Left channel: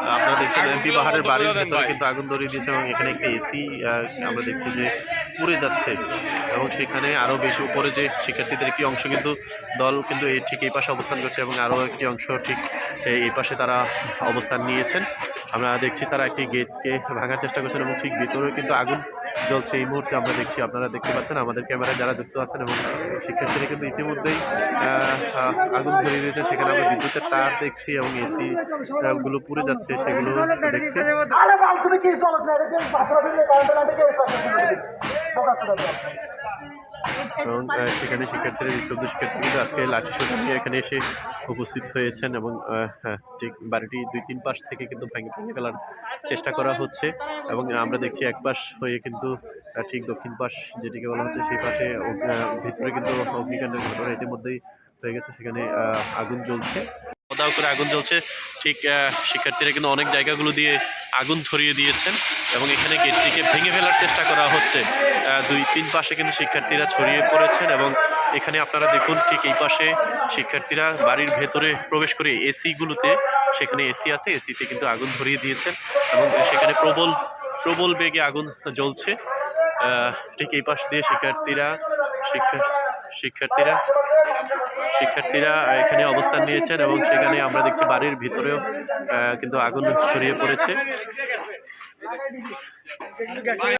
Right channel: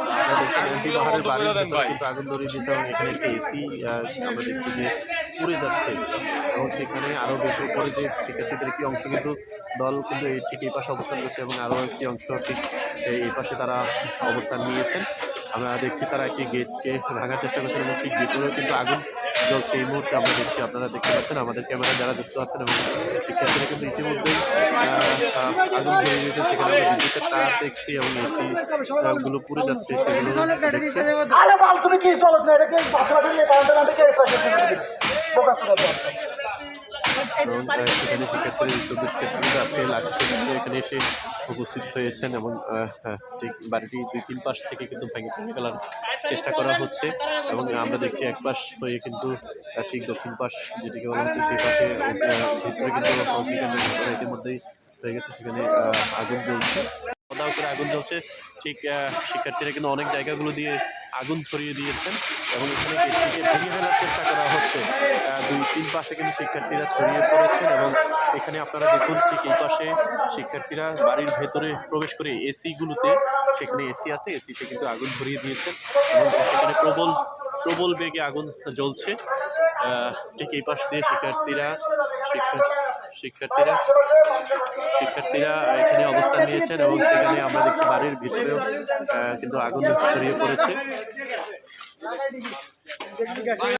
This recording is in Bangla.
Uh, দেখছেন এমপি পাহাড়ের বাড়ির ভেতরে কিন্তু আগুন ধরিয়ে দিয়েছে এবং এখানে একটি এসি আমরা দেখছি যে পুড়ে যাচ্ছে। এবং সেখানে আরও বেশি উপরে যে শিক্ষার্থীদের একটি অংশ কিন্তু দল কিন্তু এই ঠিক এই পাশে অবস্থান করছে এবং আরও একটি অংশ ঠিক এই- পাশে তারা অবস্থান নিয়েছেন। আমরা দেখছি তারা একটি গেটকে ভাঙার চেষ্টা করছেন এবং ঠিক ভিতরেও কিন্তু আগুন জ্বলছে। এই মুহূর্তে আমরা দেখছি, আপনারা দেখতে পাচ্ছেন আমাদের ক্যামেরা যারা যুক্ত আছেন এবং শিক্ষার্থীরা কিন্তু ইতিমধ্যেই আগুন ধরিয়ে দিয়েছে। সেখানে আমরা বিদ্যুতের তার দেখছি এবং এসি গুলো পুড়ে যাচ্ছে। সেগুলো দেখছি। আরে বাল তুমি কি চলো না? এটাকে পাশাপাশি নিয়ে কারণ না এটাকে বোকা ছিল এবং সেখানে শিক্ষার্থীরা বিক্ষুব্ধ শিক্ষার্থী কিন্তু আজকে লাঠি নিয়ে এখানে এসে উপস্থিত হয়েছেন এবং আহ, হ্যাঁ, ঠিক বাড়িটি দুই তিন পাশ থেকে কিন্তু ভেঙে ভেঙে ফেলার চেষ্টা করা হচ্ছে এবং আমরা দেখছি এক পাশ হয়ে কিন্তু ঠিক দক্ষিণ পাশ যেটিকে বলা হচ্ছে সেই পাশে ভিতরে কিন্তু অগ্নিকাণ্ডের ঘটনা ইতিমধ্যেই হয়ে গেছে সেখানে আহ, আগুন জ্বলছে। দাও করে আগুন জ্বলছে। ঠিক শিক্ষার্থীরা কিন্তু অনেক জায়গাগুলো দিয়ে আগুন ধরিয়ে দিয়েছেন এবং এখানে গেটটিকে ভেঙে ফেলার চেষ্টা করা হচ্ছে। দুই, তিন পাশে কিন্তু শিক্ষার্থীরা ছড়িয়ে পড়েছেন এবং এখানে আপনারা দেখুন ঠিক এই পাশে শিক্ষার্থীরা বাড়ির ভেতরে প্রবেশ করে এসিগুলোতে, সেখানে এসি আছে, এসিতে কিন্তু আগুন ধরিয়ে দিয়েছেন এবং সেখানে প্রবল প্রবল বেগে আগুন জ্বলছে। ঠিক এই পাশ দিয়ে শিক্ষার্থীরা, শিক্ষা শিক্ষার্থীরা। শিক্ষার্থীরা এখানে অবস্থান নিয়েছেন এবং সেখানে আমরা দেখছি বাড়ির ভিতরেও কিন্তু আগুন ছড়িয়ে পড়েছে।